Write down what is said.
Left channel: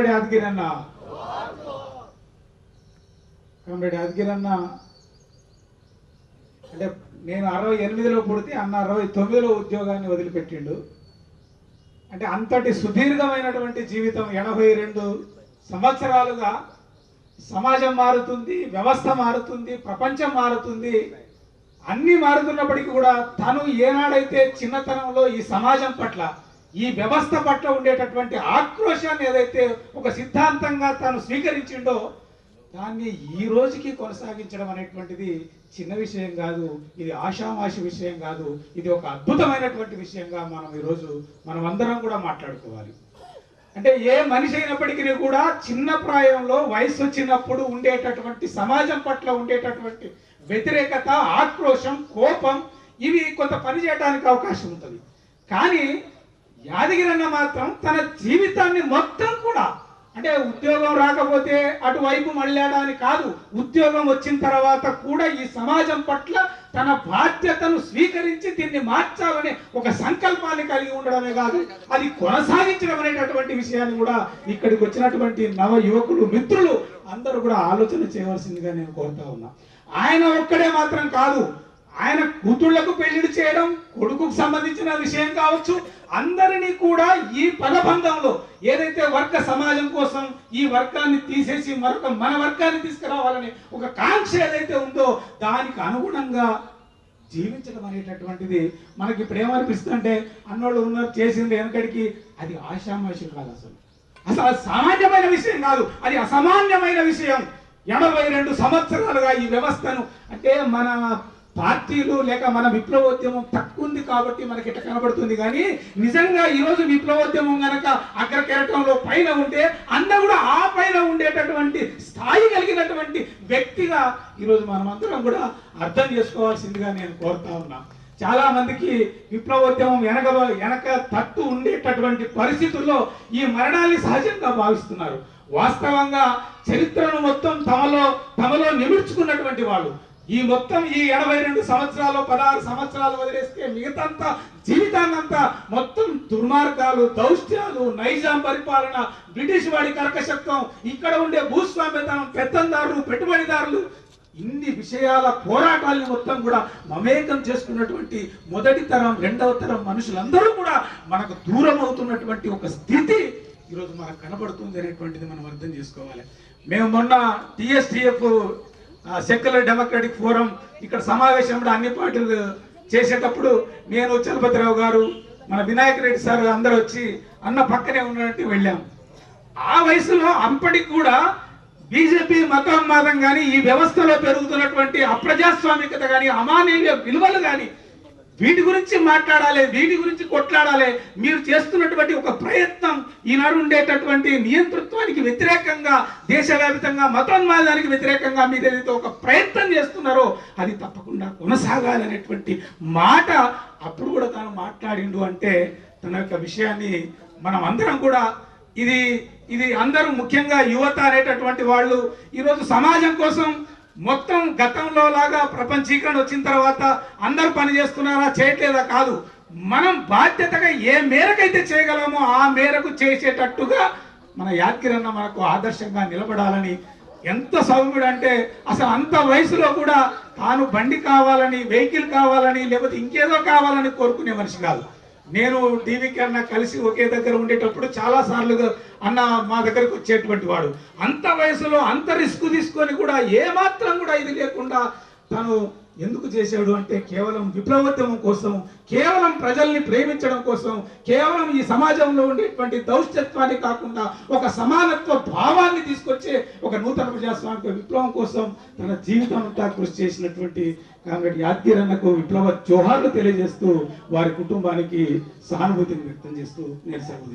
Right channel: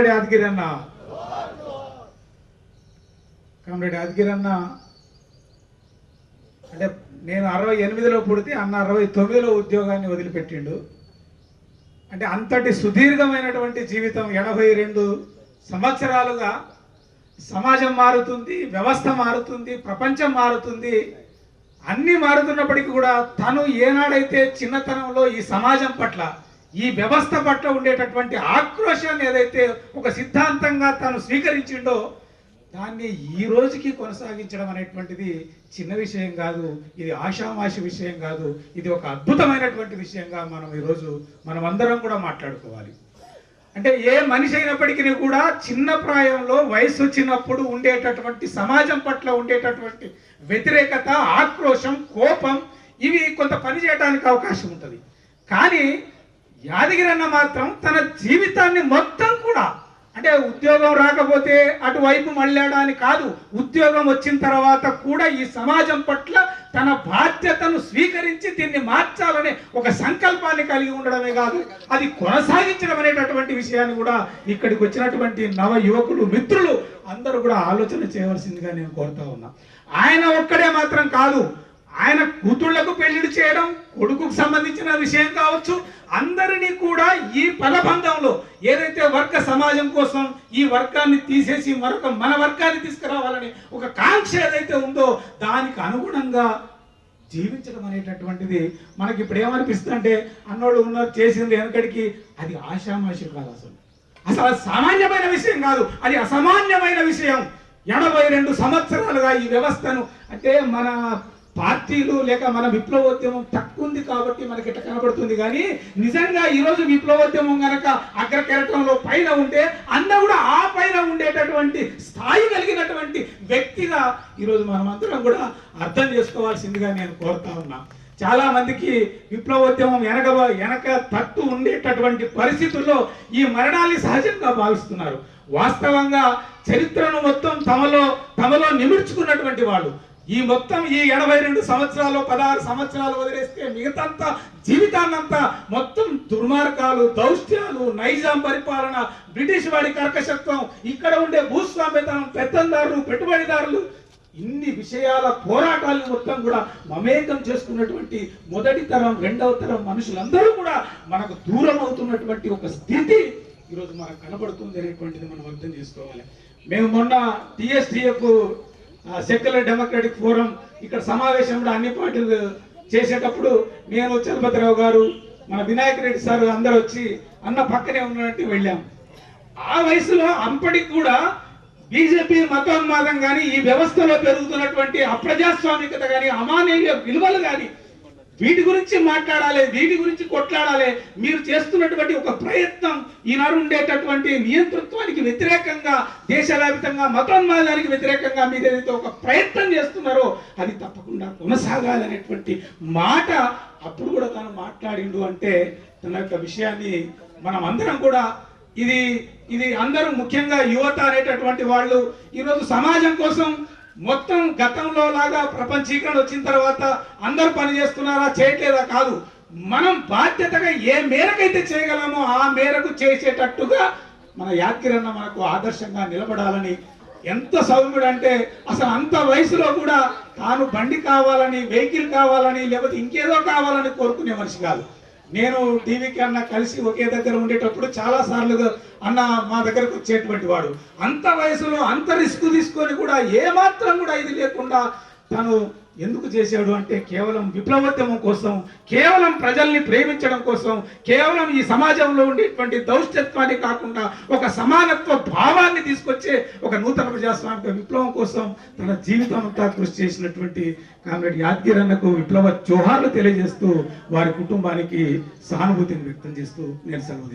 Comrade Yadagiri అన్న comrade Yadagiri అన్న అంటే నేను 68లో పుడితే అన్న 69లో ఉద్యోగాన్ని వదిలిపెట్టిండు. అంటే అంతటి సుదీర్ఘమైనటువంటి జీవితం 82 సంవత్సరాలుగా సమాజం మారుతుంది, వ్యవస్థ మారుతుంది, ప్రపంచం మారుతుంది, అన్నీ మారుతున్నప్పటికీ కూడా తను ఏనాడైతే చిన్నతనంలో ఈ సమాజం పట్ల ఈ వ్యవస్థ పట్ల ఉండేటటువంటి ఆక్రోశాన్ని ఏదైతే ఒక సిద్ధాంతంగా తను స్వీకరించిండో దాన్ని ఈ రోజుకి కొనసాగించడం అనేటువంటిది చిన్న విషయం కాదు, ఇది ఆషామాషి విషయం కాదు, ఇది ఒక అద్భుతమైనటువంటి విషయంగా మనం ఈరోజు మనమందరం కూడా మాట్లాడుకోవాలి. అంటే ఏ మనిషి అయినప్పటికీ కూడా చిన్న ప్రాయంలో వయసు వచ్చినప్పుడు ఉండేటటువంటి సమాజం పట్ల ఉండేటటువంటి వ్యతిరేకత, ఆక్రోశం, కోపం ఇవి కొంత పని చేయడానికి అవకాశం ఉంటుంది. కానీ యాదగిరి అన్న మాత్రం తన జీవితాన్ని మొత్తం కూడా అంటే ఉద్యోగం రాకపోతే అటువైపు మళ్ళాడని కాదు, ఉద్యోగం వచ్చిన తర్వాత కూడా ఈ సమాజం పట్ల తన బాధ్యతను స్వీకరించి దీన్ని మార్చాలనే ఒక సంకల్పాన్ని కలిగి ఉండడమే కాదు, అది కొనసాగించడం అనేటటువంటి విషయాన్ని కూడా ఇక్కడికి వచ్చినటువంటి నవ యువకులు మిత్రులు అందరూ కూడా ఆలోచన చేయవలసిందిగా నేను కోరుతా ఉన్నా. ఆయన ఒక్కడే మాత్రం కాదు, ఆయన కూతుళ్లకు పెళ్లిళ్ళు చేయడం, కొడుకుకు సంబంధించిన విషయం కావచ్చు, అందరినీ కూడా ఈ పదబంధంలో ఏదైతే వర్గ సమాజం కోసం ఈ వర్గాన్ని తీసేసి మరొక మన వర్గాన్ని తీసుకురావాలని ఒక కాంక్ష ఏదైతే ఉందో దానికి అనుగుణంగా జీవించడం అనేటటువంటిది మనకి ఇప్పుడు ఏమనిపిస్తుందంటే అన్నోళ్ళు ఉన్నారు చేసింది వెనకడికి, అది ఆషామాషి కాదు, అసలు సామాన్యమైన విషయం కాదు, అది అసామాన్యమైన విషయం. 82 సంవత్సరాలుగా ఈ వ్యవస్థను అంటే మన పార్టీలు లేక మన విప్లవోద్యమం తక్కువ ఉంది కాబట్టి మనకి ఇట్లా కనబడుతుంది. కానీ నిజంగా ఈరోజు విప్లవోద్యమం కనుక అగ్రకెరటంలో పైన ఉంటే అన్న కూడా ఆ పైన ఉండేటటువంటి స్థాయి కలిగినటువంటి వ్యక్తిగా ఈరోజు మనమందరం కూడా అర్థం చేసుకోవాల్సిందిగా నేను కోరుతా ఉన్నా. చాలా మందికి విప్లవోద్యమం వెనక తట్టు ఉండేటటువంటి పరిస్థితుల్లో ఈ మరణాన్ని సహజంగా భావిస్తున్నారు. వాస్తవంగా చరిత్రను మొత్తం తమలో నిమిర్చుకున్నటువంటి వాళ్ళు ఈ మొత్తం ఈ 82 సంవత్సరాలు 16 సంవత్సరాలు వదిలేస్తే మిగతాంతా జీవితాన్నంతా మొత్తం దుర్మార్గాలు, దౌష్ట్యాలు, నైజాం పరిపాలన, బ్రిటిష్ వాడి కర్కశత్వం, ఇక్కడ ఉండే భూస్వామ్యతనం, పెత్తందారులు, పెట్టుబడిదారులు, ఇన్ని విషయాల పోరాటాలను మొత్తం కూడా మమేకం చేసుకున్నటువంటి మొదటి తరం, రెండవ తరం మనుషులందరూ కూడా మనకు దూరం అవుతున్నటువంటి ఒక స్థితి ఈరోజు మనకు కనబడుతుంది అనేటువంటిది మనం అర్థం చేసుకోవాలి. మేము మొన్న TSTF సెక్యులర్ డెమోక్రటిక్ ఫోరం ఇక్కడ సమావేశంలో అన్ని పార్టీలు చేసేటప్పుడు నేను, చలపతిరావు గారు, మన వినాయక్ రెడ్డి సార్ అందరూ వచ్చి అన్న పక్కనే ఉన్నట్టు వెళ్ళాము. ఆ వయసులో అప్పటికి కూడా బీజేపీ మతోన్మాదం కానీ ఈ వ్యవస్థలో పెరుగుతున్నటువంటి అప్రజాస్వామికత కానీ అమానవీయ విలువలు కానీ వీటి గురించి మాట్లాడాలి, వీటి గురించి కొట్లాడాలి. మీరు చేస్తున్నటువంటి ఒక ప్రయత్నం ఈనాడు ఉండేటటువంటి నియంతృత్వానికి వ్యతిరేకంగా, దేశవ్యాప్తంగా మతోన్మాదానికి వ్యతిరేకంగా మీరు ఏదైతే ఒక ప్రయత్నం చేస్తున్నారో అది తప్పకుండా కొనసాగాలనేటువంటి మాట అప్పుడు కూడా తను మాట్లాడిండు. అంటే తన యొక్క విషయాన్ని మనం అందరం కూడా ఇది అందరూ ముఖ్యంగా యువత అనేటటువంటి వాళ్ళు ఈరోజు సమాజం కోసం మొత్తం గతంలో లాగా ప్రపంచీకరణ వచ్చిన తర్వాత అందరూ పని చేస్తున్నారా, చేయట్లేదా కాదు, మనం బాధ్యతగా ఏ మేరకైతే చేయగలమో ఆ మేరకు చేసేటట్టుగా మన యాదగిరి అన్న మనకు ఆదర్శంగా నిలబడాలని. ఎంత సౌమ్యుడు అంటే అసలు అంత వయసులో కూడా తాను బండి కావాలని, వెహికల్ కావాలని, లేకపోతే ఇంకేదో కావాలని కోరుకునే మనిషి కాదు. నేను టీవీకి అన్న కలిసి ఒకే దగ్గర ఉండేటప్పుడు చాలా సార్లుగా అన్న మా దగ్గరకు వచ్చేటువంటి వాడు. అంత వయసులో అంత రిస్క్ తీసుకొని కూడా ఏమాత్రం కూడా ఇది లేకుండా తను ఎందుకు చేశాడు అంటే కేవలం విప్లవోద్యమం కోసం, కేవలం ప్రజల్ని ప్రేమించడం కోసం, కేవలం ఈ సమాజంలో ఉండేటువంటి దౌష్ట్యత్వాన్ని కాకుండా ఒక సమానత్వ భావాన్ని తీసుకొచ్చే ఒక నూతన ప్రజాస్వామిక విప్లవం కోసం తన జీవితం అంతా కృషి చేసినటువంటి కామ్రేడ్ యాదగిరి అన్నకు విప్లవ జోహార్లు తెలియజేస్తూ వారి కుటుంబానికి సహానుభూతిని వ్యక్తం చేస్తూ నేను సెలవు